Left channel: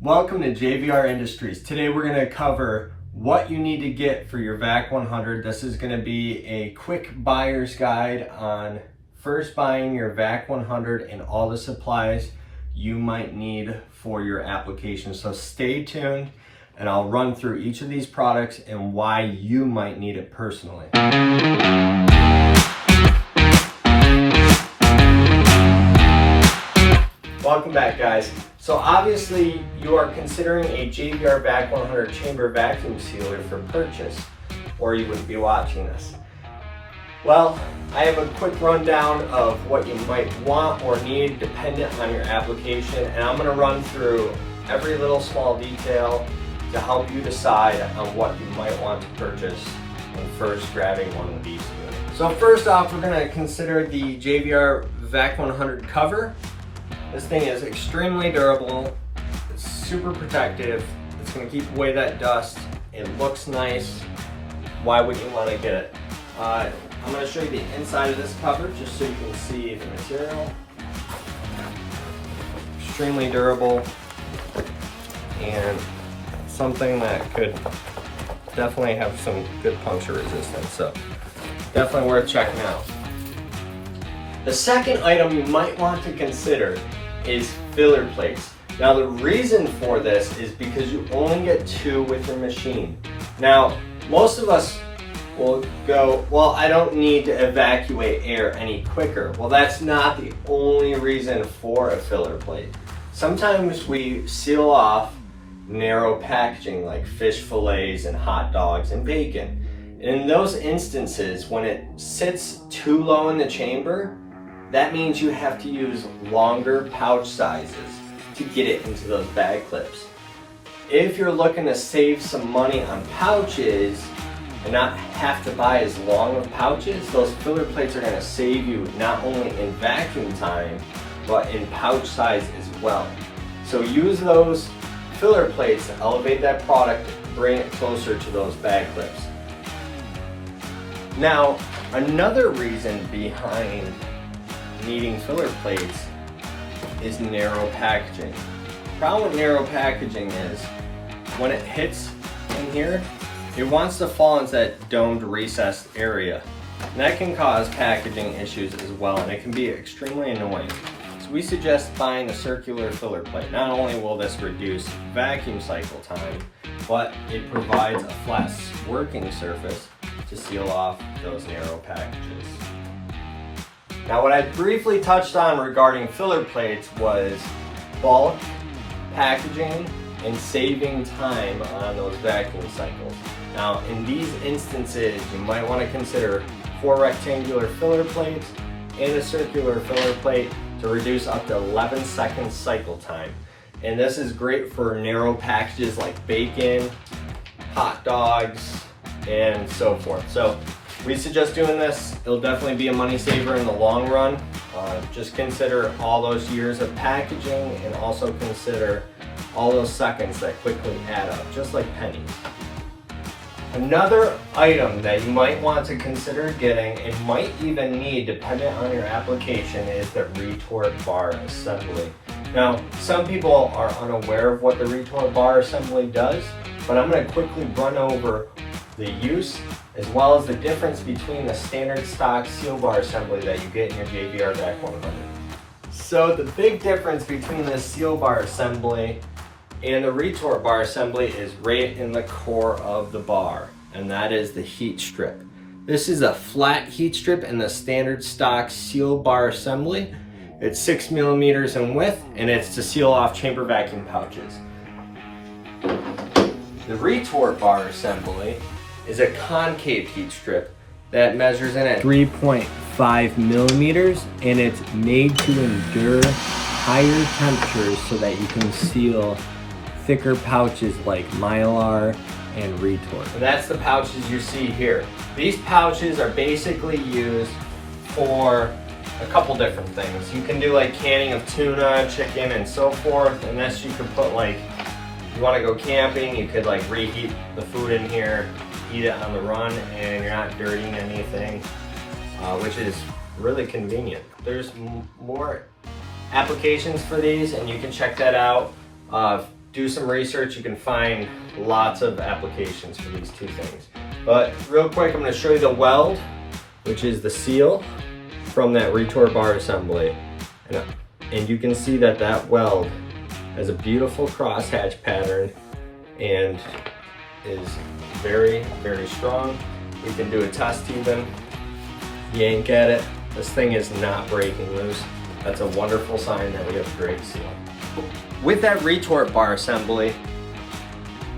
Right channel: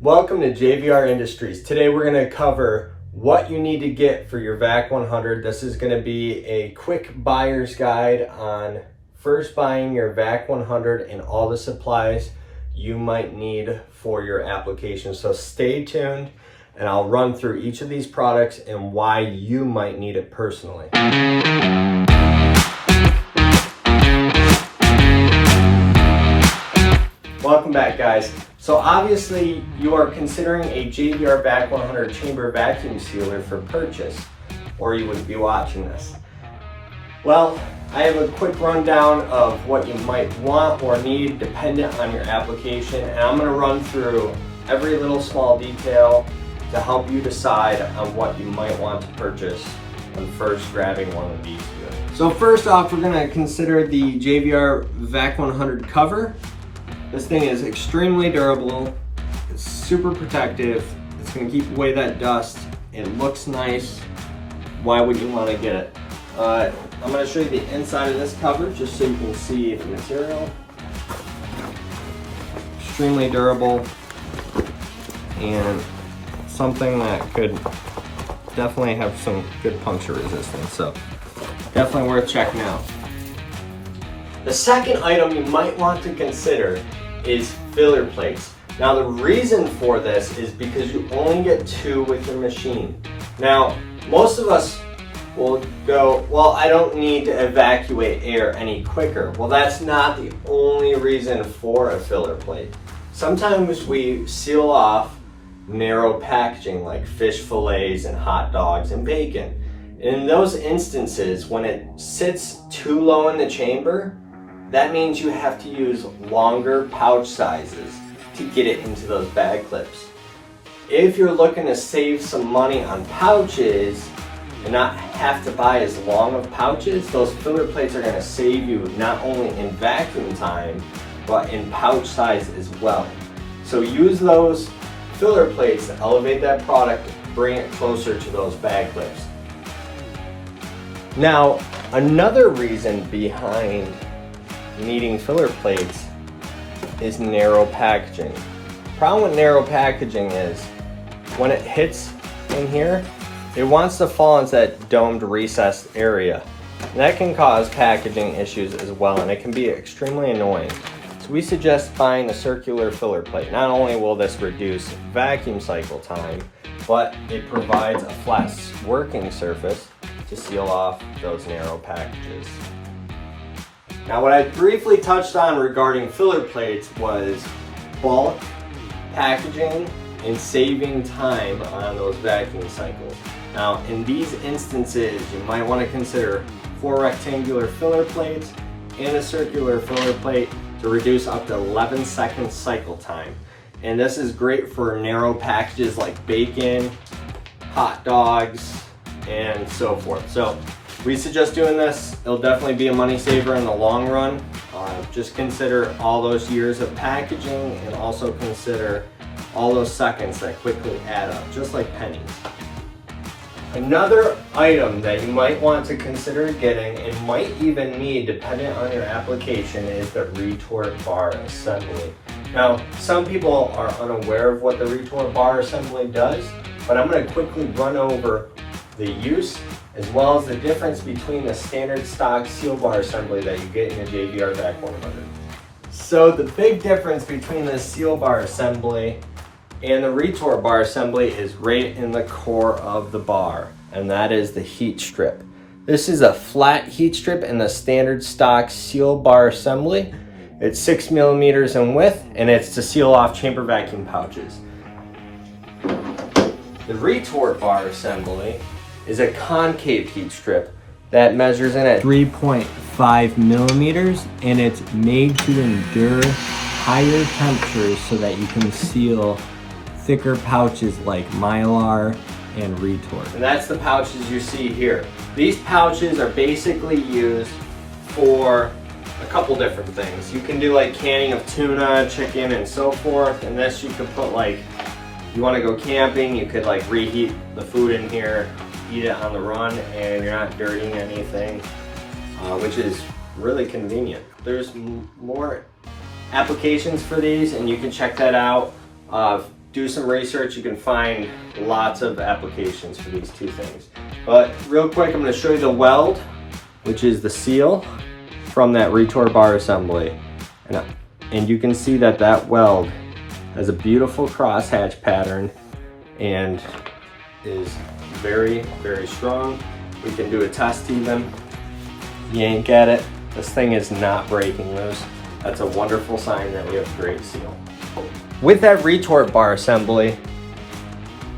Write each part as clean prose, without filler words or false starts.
Welcome to JVR Industries. Today we're going to cover what you need to get for your Vac100. This is going to be a quick buyer's guide on first buying your Vac100 and all the supplies you might need for your application. So stay tuned and I'll run through each of these products and why you might need it personally. Welcome back, guys. So obviously you are considering a JVR Vac100 chamber vacuum sealer for purchase, or you wouldn't be watching this. Well, I have a quick rundown of what you might want or need dependent on your application, and I'm going to run through every little small detail to help you decide on what you might want to purchase when first grabbing one of these here. So first off, we're going to consider the JVR Vac100 cover. This thing is extremely durable, it's super protective, it's going to keep away that dust, it looks nice. Why would you want to get it? I'm going to show you the inside of this cover just so you can see the material. Extremely durable and something that could definitely have some good puncture resistance, so definitely worth checking out. The second item you might want to consider is filler plates. Now the reason for this is because you only get 2 with your machine. Now most of us will go, well, I don't need to evacuate air any quicker. Well, that's not the only reason for a filler plate. Sometimes we seal off narrow packaging like fish fillets and hot dogs and bacon. And in those instances, when it sits too low in the chamber, that means you have to use longer pouch sizes to get it into those bag clips. If you're looking to save some money on pouches and not have to buy as long of pouches, those filler plates are going to save you not only in vacuum time, but in pouch size as well. So use those filler plates to elevate that product, bring it closer to those bag clips. Now, another reason behind needing filler plates is narrow packaging. Problem with narrow packaging is when it hits in here, it wants to fall into that domed recessed area. And that can cause packaging issues as well, and it can be extremely annoying. So we suggest buying a circular filler plate. Not only will this reduce vacuum cycle time, but it provides a flat working surface to seal off those narrow packages. Now, what I briefly touched on regarding filler plates was bulk packaging and saving time on those vacuum cycles. Now, in these instances, you might want to consider 4 rectangular filler plates and a circular filler plate to reduce up to 11 second cycle time. And this is great for narrow packages like bacon, hot dogs, and so forth. So we suggest doing this. It'll definitely be a money saver in the long run. Just consider all those years of packaging and also consider all those seconds that quickly add up, just like pennies. Another item that you might want to consider getting and might even need depending on your application is the Retort Bar Assembly. Now, some people are unaware of what the Retort Bar Assembly does, but I'm going to quickly run over the use as well as the difference between the standard stock seal bar assembly that you get in your JVR Vac100. So the big difference between the seal bar assembly and the retort bar assembly is right in the core of the bar, and that is the heat strip. This is a flat heat strip in the standard stock seal bar assembly. It's 6 millimeters in width, and it's to seal off chamber vacuum pouches. The retort bar assembly is a concave heat strip that measures in at 3.5 millimeters, and it's made to endure higher temperatures so that you can seal thicker pouches like Mylar and Retort. And that's the pouches you see here. These pouches are basically used for a couple different things. You can do like canning of tuna, chicken, and so forth, and this you could put like, you want to go camping, you could like reheat the food in here, eat it on the run, and you're not dirtying anything, which is really convenient. There's more applications for these, and you can check that out do some research, you can find lots of applications for these two things. But real quick, I'm going to show you the weld, which is the seal from that Retort Bar Assembly. And you can see that that weld has a beautiful crosshatch pattern and is very, very strong. We can do a test even. Yank at it. This thing is not breaking loose. That's a wonderful sign that we have a great seal. With that Retort Bar Assembly,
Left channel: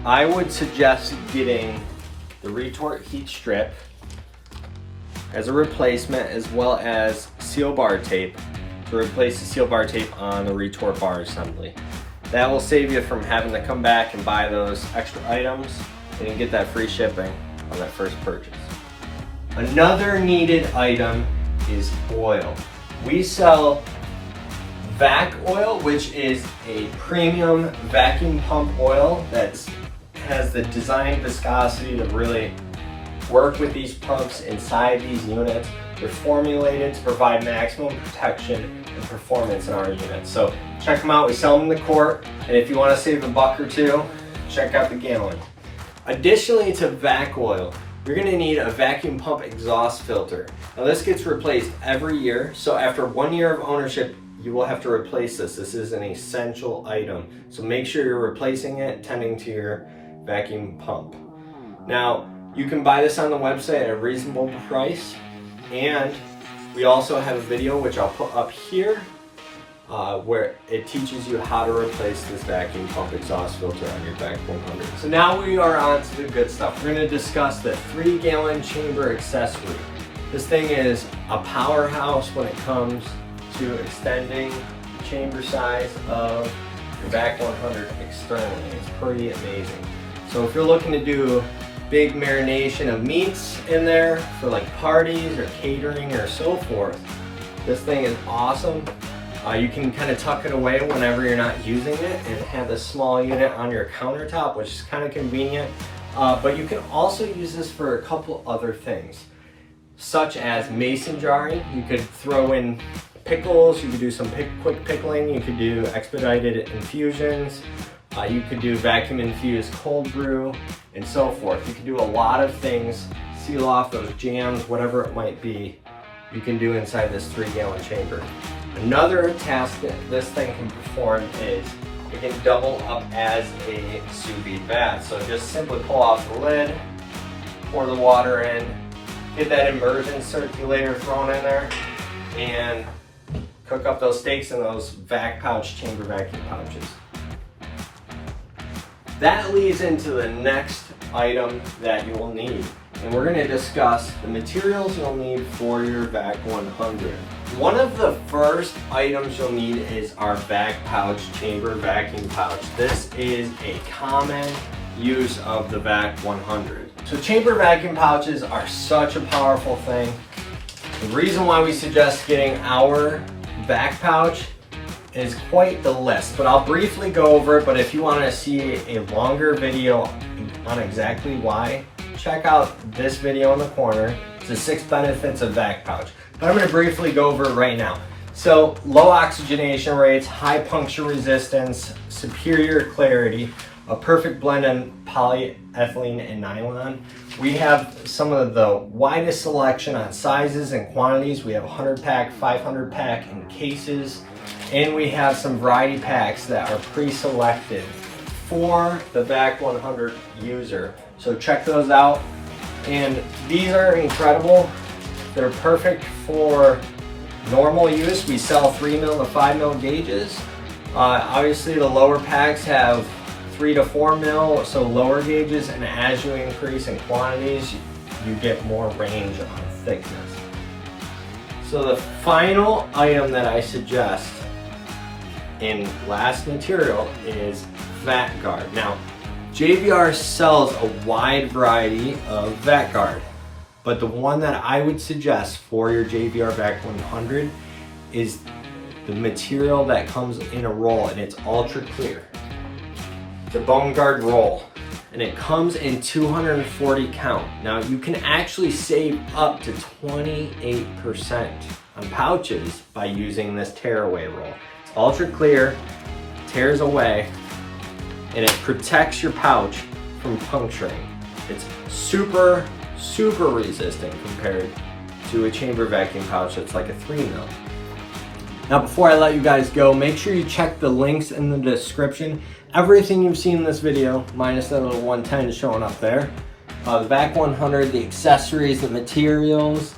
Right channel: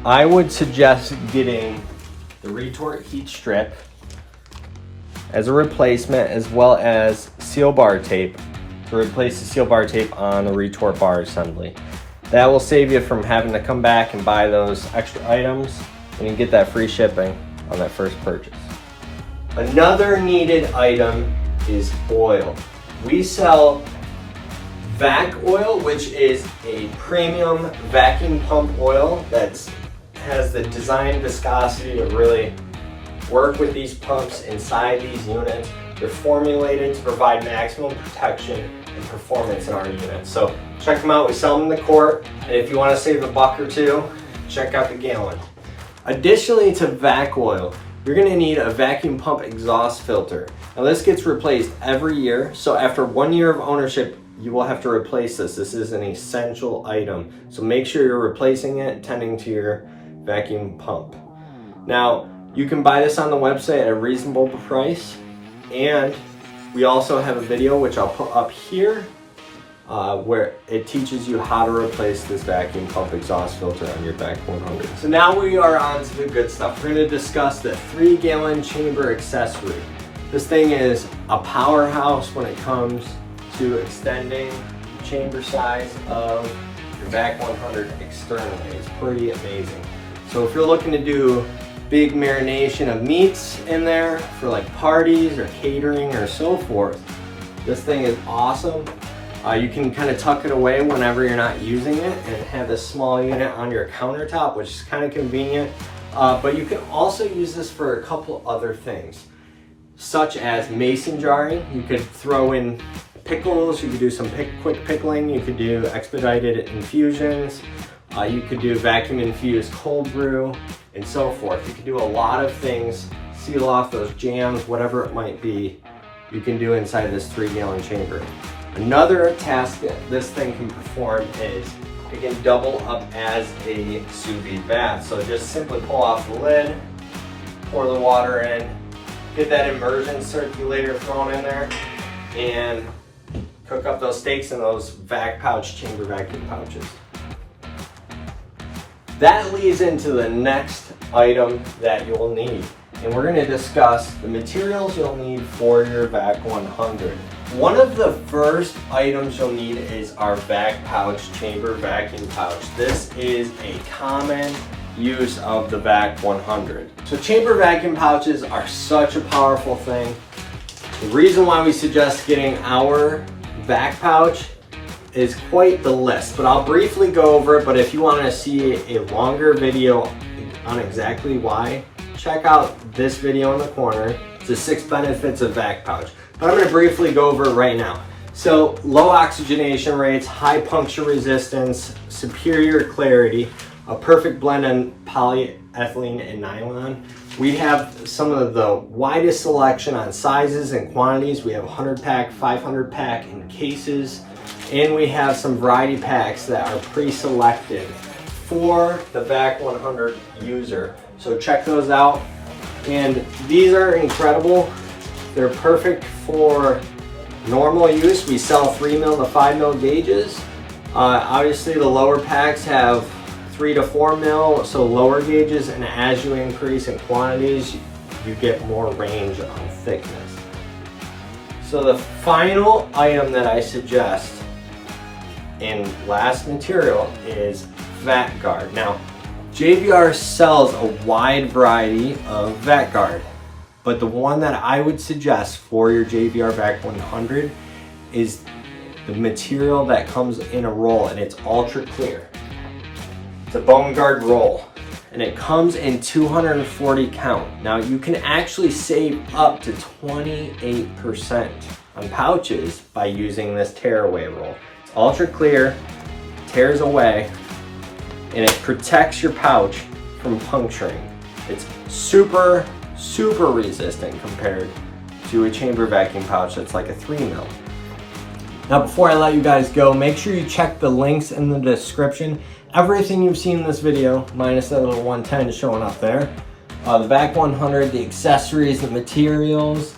I would suggest getting the Retort heat strip as a replacement, as well as seal bar tape to replace the seal bar tape on the Retort Bar Assembly. That will save you from having to come back and buy those extra items and you get that free shipping on that first purchase. Another needed item is oil. We sell VacOil, which is a premium vacuum pump oil that has the design viscosity to really work with these pumps inside these units. They're formulated to provide maximum protection and performance in our units. So check them out. We sell them in the quart, and if you want to save a buck or two, check out the gallon. Additionally to VacOil, you're going to need a vacuum pump exhaust filter. Now this gets replaced every year, so after 1 year of ownership, you will have to replace this. This is an essential item. So make sure you're replacing it, tending to your vacuum pump. Now, you can buy this on the website at a reasonable price, and we also have a video which I'll put up here where it teaches you how to replace this vacuum pump exhaust filter on your Vac100. So now we are on to the good stuff. We're going to discuss the 3-gallon chamber accessory. This thing is a powerhouse when it comes to extending the chamber size of your Vac100 externally. It's pretty amazing. So if you're looking to do big marination of meats in there for like parties or catering or so forth, this thing is awesome. You can kind of tuck it away whenever you're not using it and have this small unit on your countertop, which is kind of convenient. But you can also use this for a couple other things, such as mason jarring. You could throw in pickles, you could do some quick pickling, you could do expedited infusions, you could do vacuum infused cold brew, and so forth. You can do a lot of things, seal off those jams, whatever it might be, you can do inside this 3-gallon chamber. Another task that this thing can perform is it can double up as a sous vide bath. So just simply pull off the lid, pour the water in, get that immersion circulator thrown in there, and cook up those steaks in those VacPouch chamber vacuum pouches. That leads into the next item that you will need, and we're going to discuss the materials you'll need for your Vac100. One of the first items you'll need is our VacPouch chamber vacuum pouch. This is a common use of the Vac100. So chamber vacuum pouches are such a powerful thing. The reason why we suggest getting our VacPouch is quite the list, but I'll briefly go over it. But if you want to see a longer video on exactly why, check out this video in the corner. It's the 6 benefits of VacPouch. I'm going to briefly go over it right now. So low oxygenation rates, high puncture resistance, superior clarity, a perfect blend in polyethylene and nylon. We have some of the widest selection on sizes and quantities. We have 100 pack, 500 pack in cases, and we have some variety packs that are pre-selected for the Vac100 user. So check those out. And these are incredible. They're perfect for normal use. We sell 3 mil to 5 mil gauges. Obviously the lower packs have 3 to 4 mil, so lower gauges, and as you increase in quantities, you get more range on thickness. So the final item that I suggest in last material is VacGuard. Now, JVR sells a wide variety of VacGuard, but the one that I would suggest for your JVR Vac100 is the material that comes in a roll, and it's ultra clear. It's a bone guard roll, and it comes in 240 count. Now you can actually save up to 28% on pouches by using this tearaway roll. It's ultra clear, tears away, and it protects your pouch from puncturing. It's super resistant compared to a chamber vacuum pouch that's like a 3mm. Now before I let you guys go, make sure you check the links in the description. Everything you've seen in this video, minus that little 110 showing up there. The Vac100, the accessories, the materials,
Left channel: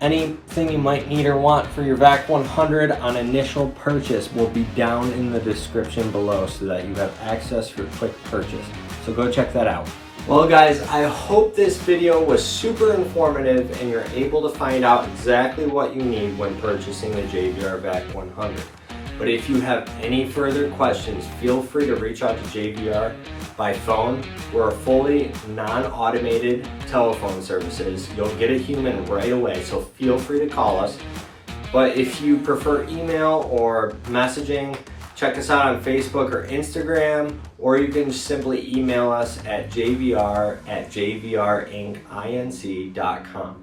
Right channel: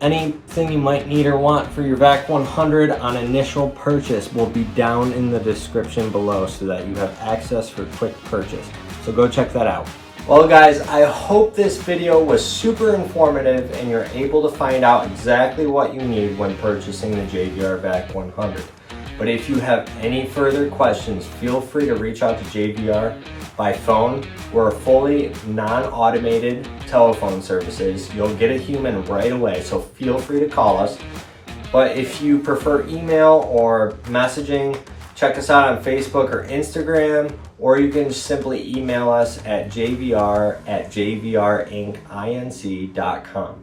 anything you might need or want for your Vac100 on initial purchase will be down in the description below so that you have access for quick purchase. So go check that out. Well guys, I hope this video was super informative and you're able to find out exactly what you need when purchasing the JVR Vac100. But if you have any further questions, feel free to reach out to JVR by phone. We're a fully non-automated telephone services. You'll get a human right away, so feel free to call us. But if you prefer email or messaging, check us out on Facebook or Instagram, or you can just simply email us at jvr@jvrinc.com.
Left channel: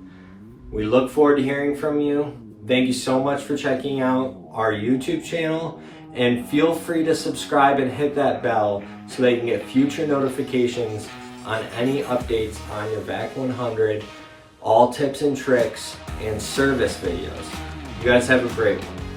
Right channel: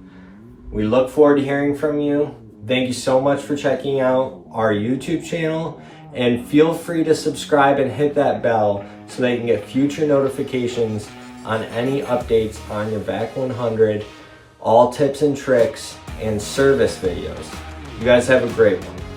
We look forward to hearing from you. Thank you so much for checking out our YouTube channel, and feel free to subscribe and hit that bell so that you can get future notifications on any updates on your Vac100, all tips and tricks, and service videos. You guys have a great one.